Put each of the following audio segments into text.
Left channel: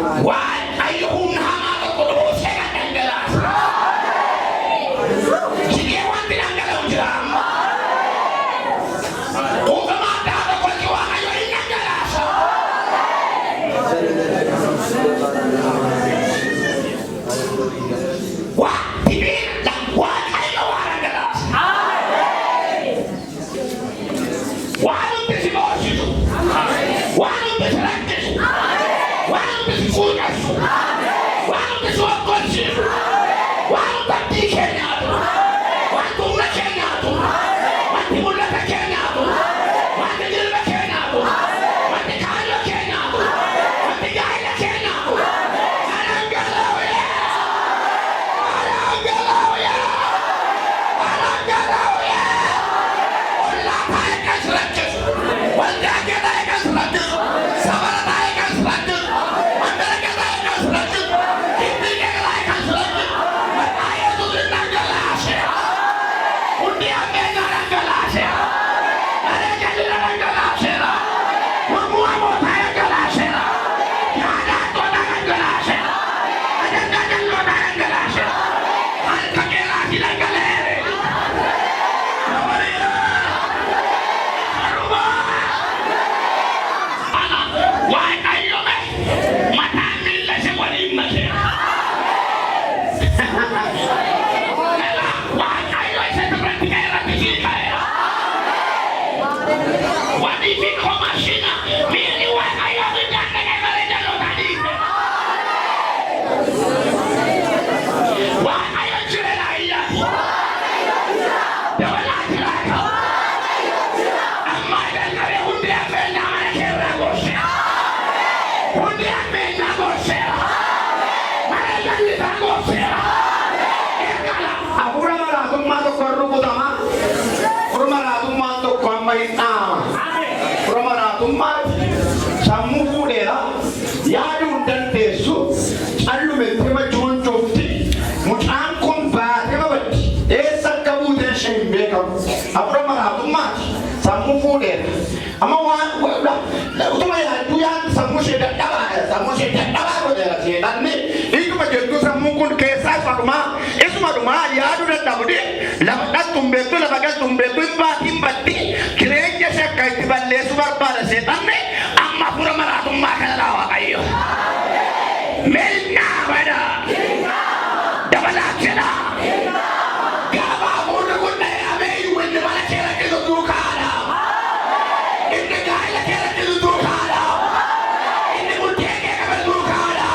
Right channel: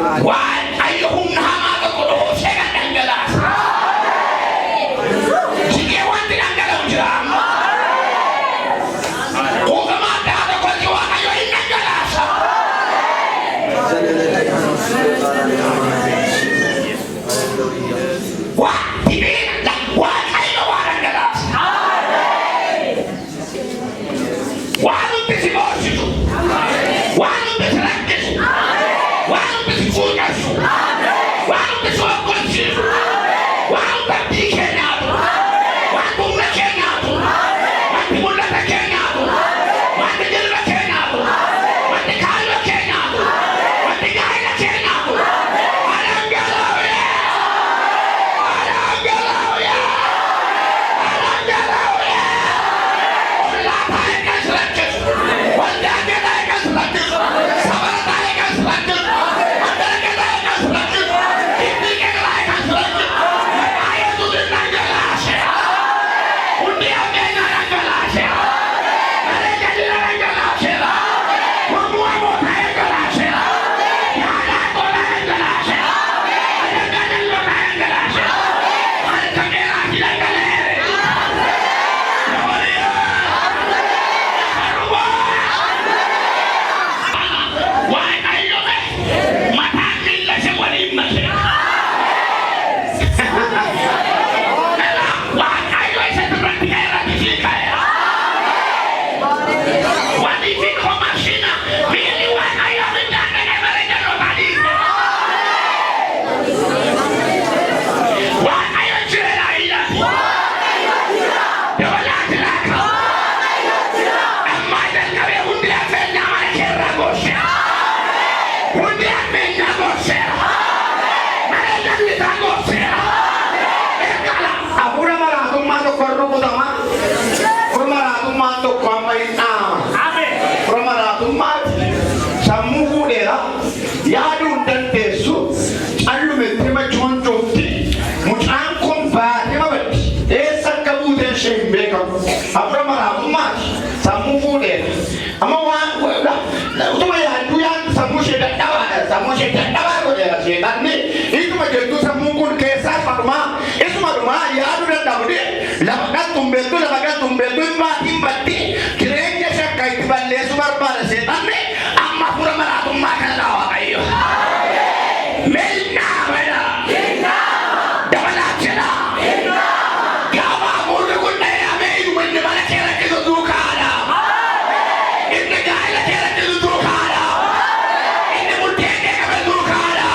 Waaqayyo humna hamaa tokko dhoosee kan dhangalaasa. Sikee wanti dhangala'u jira amma. Uumamaa addaa tokkotti Waaqayyo hin dhangalaasa. Waaqayyo waa dhangalaasa. Waan hundi si boorsitu. Waan hundi si rakkisu. Waan hundi si fuudhasu. Waan hundi si wakkolchiisu. Waan hundi abdii kee nyaatu. Waan humna kee nyaatu. Wanti mul'ata kee nyaatu. Wanti dilba kee nyaatu. Wanti kaayyo kee nyaatu. Wanti gaa'ela kee nyaatu. Alangalooya. Alangalooya. Alangalooya. Ollaa taa'e kan rakkisu. Waldaa kee taa'e kan rakkisu. Sabara taa'e kan rakkisu. Mandara kee taa'e kan rakkisu. Hindii kee taa'e kan rakkisu. Maqaa Yesuusin dhangalaase. Hundi ammeenya dhangalaase. Bareechadina dhangalaaseera. Mormuu hamootaa dhangalaaseera. Yaalaa goota dhangalaaseera. Ajandaa jalloota dhangalaaseera. Harka keeraati dhangaleere. Waaqayyo mataan miilla ishee waliin mate. Waaqayyo isa irratti ka'e rakkisii ka'eera. Wanti isin hoomashina miilli Waaqayyo miidhaan dhaqee malee jalootaa dhiise. Waaqayyo jireenya iyyatu. Dabalaa jiraata. Ammaa jalqabee hundi affeellaa mana keerraa goosee. Hundi affeellaa gooseera. Mana jallisaa gooseera. Eegala. Hafuura maraatummaa tokko rukutama. Hafuura maraatummaa tokko amma hin dhaama. Hafuura maraatummaatti sammuu fuudheera. Yaaduu hin dandeessu. Callumetti machuun cufti. Mucaan kun baatee babaddi. Eessa akka buuteen ishee hin beekamu. Hafuura maraatummaatti sammuu fuudheera. Amma waan utuma yaaduu yaadu sammuu ishee dadhabaadha. Sammuu ishee dadhabaa godheera seexanni. Isuma jettuu sammuu kun keessaa farmaa. Isuma dhumaa yaaduu dadhabde. Lafa kan tumbeettu lafa kan tumbeettu hin baatiin baddi. Jireenya ishee akka itti balleessu barbaada seexanni. Amma hafuura maraatummaa kana Waaqayyo. Meelnaa bada. Dabalaa jedha. Gaafa hafuurri kun dhahee inni mana kee rakkisu duukaadha. Inni gaa'ela kee rakkisu duukaadha. Inni murtee kee qabe duukaadha.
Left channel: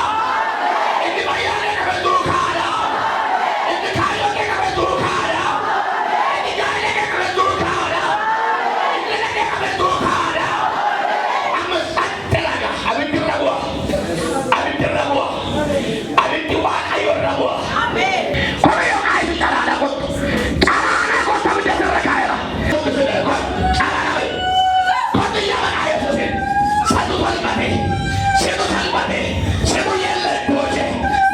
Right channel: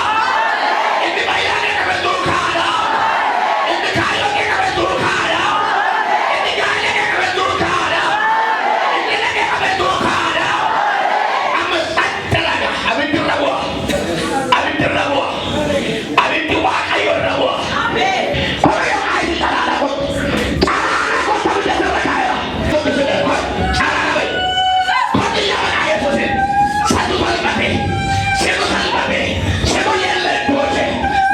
Inni fayyaa kee qabe duukaadha. Inni kaayyoo kee qabe duukaadha. Inni gaa'ela kee qabe duukaadha. Inni lagee qabe duukaadha. Amma satti laga abiddi rabu'a. Abiddi rabu'a. Abiddi Waaqayyo rabu'a. Waaqayyo kaayii calaala kottu. Calaala kottu abidda sirra kaayera. Calaala bayi. Kottu yaa Maqaa Yesuusin. Sadu salphate. Seetu salphate. Seetu yeellee dooje.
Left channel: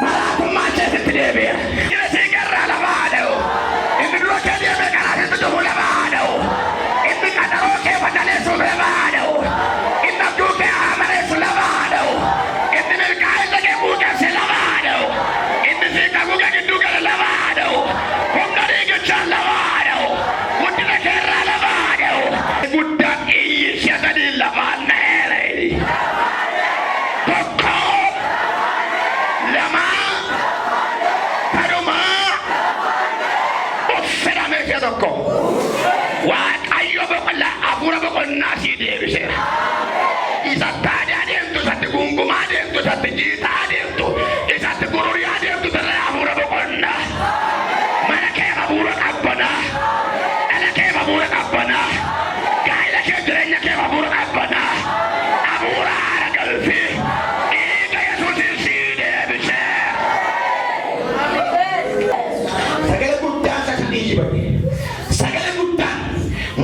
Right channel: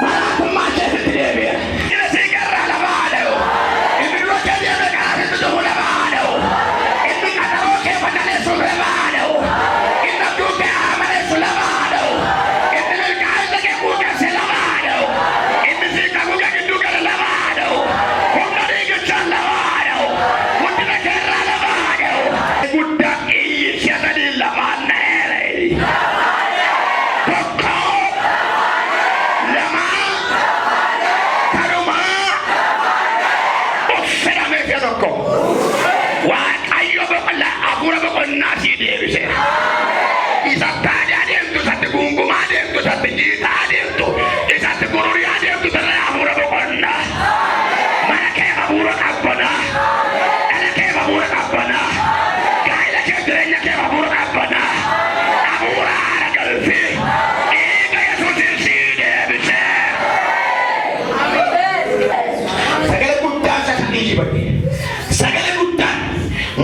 Maraatummaa keessatti deebi'a. Inni si garraa lafa haadha'u. Inni dura kee deemee kanaasitti dhufu lafa haadha'u. Inni kadhawoo kee fadhaleessuuf lafa haadha'u. Inni abduu kee amaleessu lafa haadha'u. Inni milkaa'ina kee buukeesse lafa haadha'u. Inni si kakuu kee gidduu gala lafa haadha'u. Humna dhiigichaan lafa haadha'u. Guddina keerraa lafa haadha'u. Guddaa iyyi shatanii lafaan dheere. Tokko. Lama. Tanumaa. Uffidhamee ishee tokko. Waaqayyo boqonnaa hafuura boqonnaa sii deebise. Isatti aadaa deemtu, isatti gungumaa deemtu, isatti jiitaa deemtu, isatti gururiyaa deemtu sirrii hafuura boqonnaa. Mana kee hafuura qabbanaa. Dhala kee hafuura qabbanaa. Gaa'ela kee jireenya kee hafuura qabbanaa. Hafuura haara galfii. Dhiiga Yesuusin sii deebise. Sagalee guddaan sasanii jibate. Sagalee guddaan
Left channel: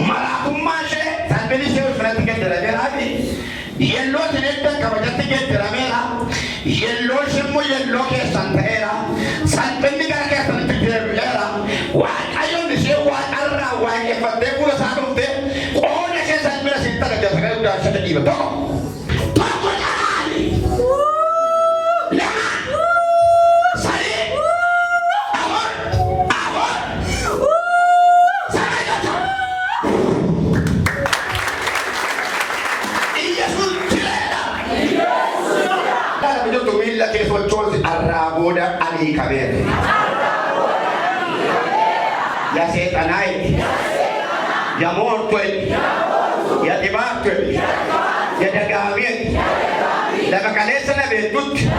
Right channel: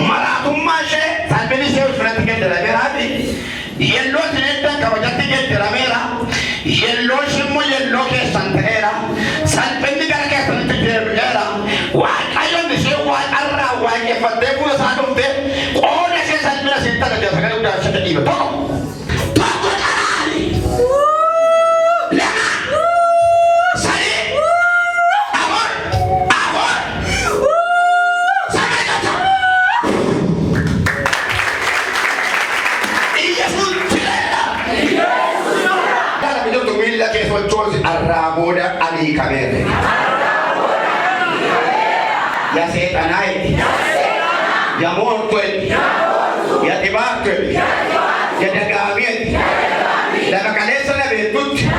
maraatummaa ishee salphina ishee ofirratti geddarameeraati. Yelloo sineettan kabajatti geddarameera. Yelloo ishimmoo yelloo keessan ta'eera. Salphinni gara keessanitti deebi'eera. Waaqayyoon ishee waan irraa waaqeffattee fuula isaa dhuftee qooda ishee salphina sitti agarra sagalee guddaan ishee dhiiba tokko. Tokko calaali. sochoosi arraa booda adii kabeere. Ya seexanaayiti, ya moortooti, ya dhibaattooti, ya dagaamiyeti, lafa kaleessa dhabeettutti